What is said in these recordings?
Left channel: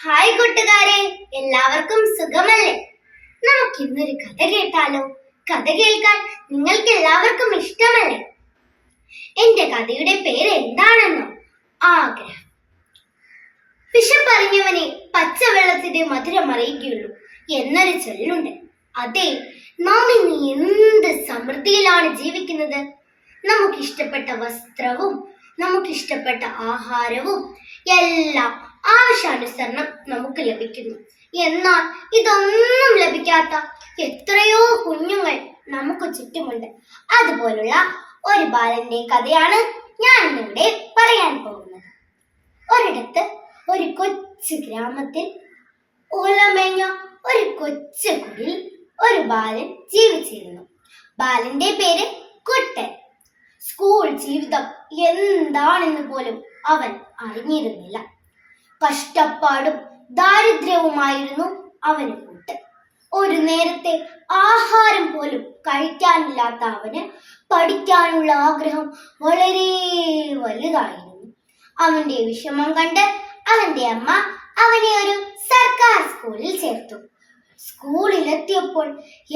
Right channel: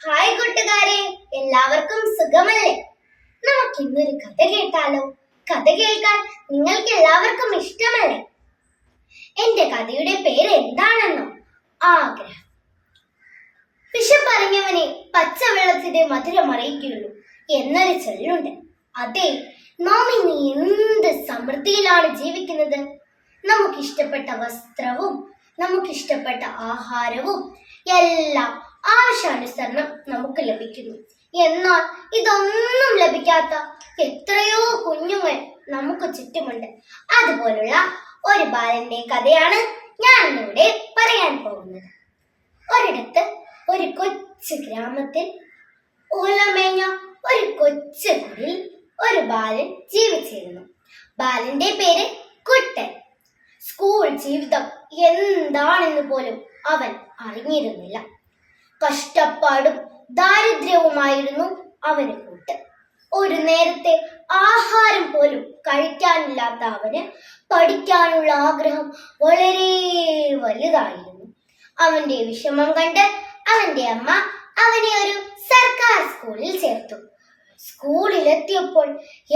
Hi കൂട്ടുകാരെ, എല്ലാവർക്കും സുഖമല്ലേ? നമുക്ക് ഇന്നൊരു കഥ കേട്ടാലോ? കഥ കേൾക്കാൻ നിങ്ങൾക്ക് എല്ലാവർക്കും ഇഷ്ടമല്ലേ? എന്റെ കഥയുടെ പേര് എന്താണെന്നോ? ആഗ്രഹം. വിശപ്പറിഞ്ഞവനെ പച്ചവെള്ളത്തിന്റെ മധുരം അറിയിക്കുകയുള്ളൂ എന്നൊരു ചൊല്ലുണ്ട്. അതെ, നാം ഇന്ന് എന്ത് സമൃദ്ധിയിലാണ് ജീവിക്കുന്നത്. നമുക്കിഷ്ടപ്പെട്ട വസ്ത്രവും നമുക്കിഷ്ടപ്പെട്ട ആഹാരവും എല്ലാം ആവശ്യാനുസരണം നമുക്ക് ലഭിക്കുന്നു. എന്നാൽ ഇതൊന്നും ലഭിക്കാത്ത എത്രയോ കുഞ്ഞുങ്ങൾ നമുക്ക് ചുറ്റുമുണ്ട്. അതുപോലുള്ള ഒരു ബാലന്റെ കഥയാണ് ഞാൻ ഇന്നിവിടെ പറയാൻ പോകുന്നത്. ഒരിടത്ത് ഒരു കൊച്ചു ഗ്രാമത്തിൽ ഓലമേഞ്ഞ ഒരു കൊച്ചു കുടിൽ ഒരു ബാലൻ ജീവിച്ചിരുന്നു. ബാലന്റെ പേര് കുട്ടൻ. സ്കൂൾ ജീവിതം എന്താണെന്ന് പോലും അവൻ അറിഞ്ഞിരുന്നില്ല. കഷ്ടപ്പാടും ദാരിദ്ര്യവുമായിരുന്നു അവന് കൂട്ട്. ഒരു നേരത്തെ ആഹാരം പോലും കഴിക്കാനില്ലാത്ത അവന് പഠിക്കാനുള്ള ആഗ്രഹം വളരെ വലുതായിരുന്നു. അവന്റെ വിഷമം കണ്ട് അവന്റെ അമ്മ അവനെ ഒരു സർക്കാർ സ്കൂളിൽ ചേർത്തു. സ്കൂളിലെത്തിയപ്പോൾ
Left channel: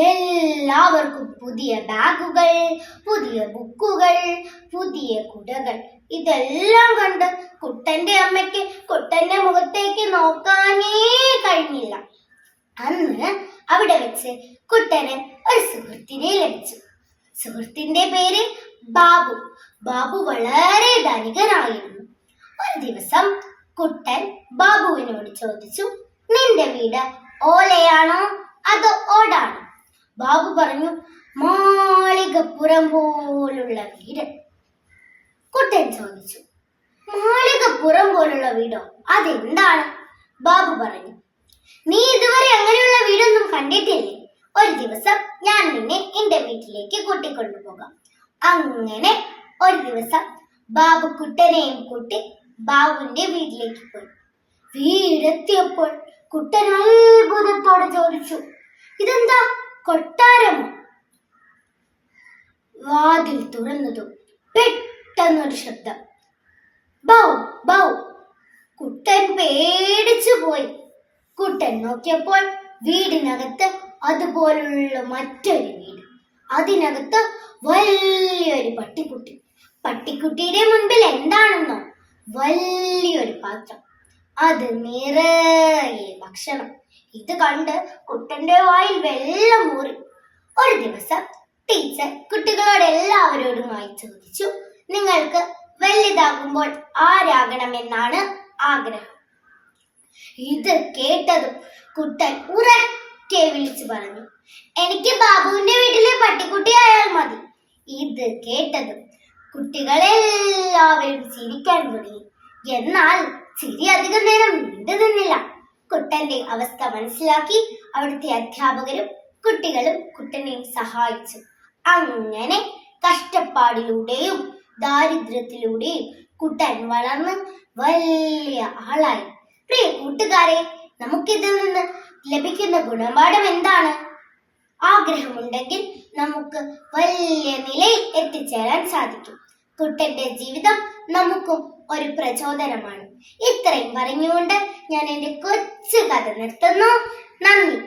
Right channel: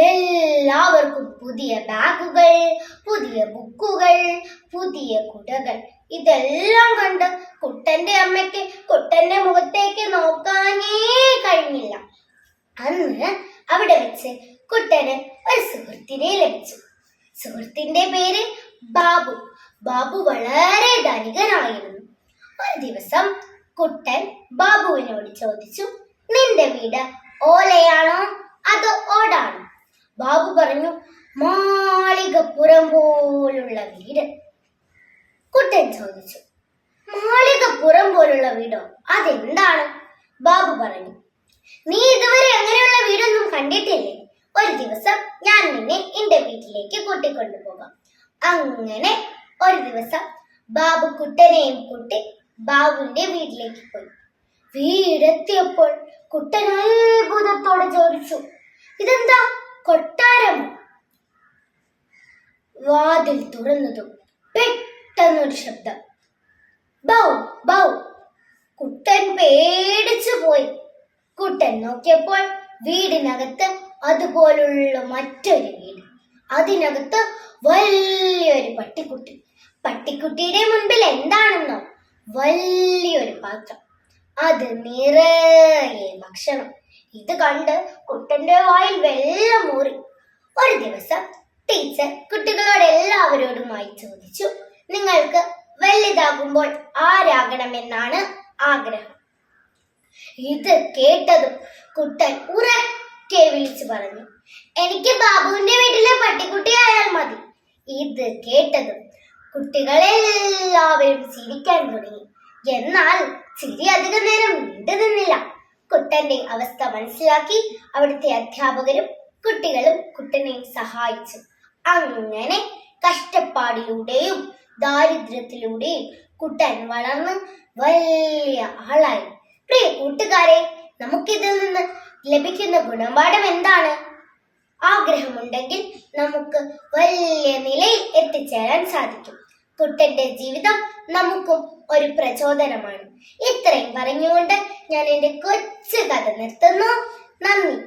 എല്ലാവർക്കും പുതിയ ബാഗുകൾ, പുതിയ ബുക്കുകൾ, പുതിയ കുടകൾ. ഇതെല്ലാം കണ്ട് കുട്ടന്റെ അമ്മയ്ക്ക് കുട്ടന്റെ മുഖത്തേക്ക് നോക്കാനേ കഴിഞ്ഞില്ല. അന്ന് അവിടെ വെച്ച് കുട്ടന് ഒരു സുഹൃത്തിനെ ലഭിച്ചു. സുഹൃത്തിന്റെ പേര് ബാബു. ബാബു വളരെ ധനികനായിരുന്നു. ഒരു ദിവസം കുട്ടൻ ബാബുവിനോട് ചോദിച്ചു, നിന്റെ വീട് ഓലയാണോ അതോ ഓടാണോ? ബാബു പറഞ്ഞു, മാളികപ്പുറം പോലുള്ള വീട്. കുട്ടൻ ചോദിച്ചു, മാളികപ്പുറം പോലുള്ള വീടോ? അതെന്താണ്? ബാബു പറഞ്ഞു, നീ ഇതുവരെ അങ്ങനെയുള്ള വീടൊന്നും കണ്ടിട്ടില്ലേ? ഒരു ദിവസം ഞാൻ നിന്നെ എന്റെ വീട്ടിലേക്ക് കൂട്ടിക്കൊണ്ടുപോകാം. അങ്ങനെ ഒരു ദിവസം ബാബു കുട്ടനെയും കൂട്ടി ബാബുവിന്റെ വീട്ടിലേക്ക് പോയി. വീടെത്തിയപ്പോൾ കുട്ടൻ അത്ഭുതത്തോടെ ചോദിച്ചു, ഇതെന്താ, കൊട്ടാരമോ? വാതിൽ തുറന്നതും പെട്ടെന്നൊരു ശബ്ദം, ബൗ ബൗ. കുട്ടൻ പേടിച്ചു പോയി. കുട്ടൻ നോക്കിയപ്പോൾ വീടിനകത്ത് അതുപോലുള്ള മറ്റൊരു വീട്. അതിനകത്ത് വലിയൊരു പട്ടിക്കുട്ടി. പട്ടിക്കുട്ടിയുടെ മുൻപിൽ എന്താണെന്നോ? വലിയൊരു പാത്രം, അത് നിറയെ ഭക്ഷണം. ഇത് കണ്ട് കുട്ടന്റെ വായിൽ വെള്ളം ഊറി. ഒരു ദിവസം ടീച്ചർ കുട്ടികളോട് എല്ലാവരോടുമായി ചോദിച്ചു, നിങ്ങൾക്ക് വലുതാകുമ്പോൾ ആരാകണമെന്നാണ് ആഗ്രഹം? ഇത് കേട്ടതും കുട്ടൻ ഉറക്കെ വിളിച്ചു പറഞ്ഞു, എനിക്ക് ബാബുവിന്റെ വീട്ടിലെ പട്ടിക്കുട്ടി ആയാൽ മതി. ഇത് കേട്ടതും കുട്ടികളെല്ലാവരും ചിരിക്കാൻ തുടങ്ങി. എന്നാൽ ചിരി അധികം നേരം നീണ്ടു നിന്നില്ല. കുട്ടന്റെ അവസ്ഥ മനസ്സിലാക്കി അവിടുത്തെ അധ്യാപകരും കുട്ടികളും കുട്ടനെയും സഹായിച്ചു. അങ്ങനെ കഷ്ടപ്പാടിലൂടെയും ദാരിദ്ര്യത്തിലൂടെയും കുട്ടൻ വളർന്ന് വലിയ ആളായി. പ്രിയ കൂട്ടുകാരെ, നമുക്കിതിൽ നിന്ന് ലഭിക്കുന്ന ഗുണപാഠം എന്താണ്? ആഗ്രഹമുണ്ടെങ്കിൽ നമുക്ക് വലിയ നിലയിൽ എത്തിച്ചേരാൻ സാധിക്കും. കുട്ടന്റെ ജീവിതം നമുക്കും ഒരു പ്രചോദനമാണ്. ഇത്രയും പറഞ്ഞുകൊണ്ട് ഞാൻ എൻ്റെ കൊച്ചു കഥ നിർത്തുന്നു. നന്ദി.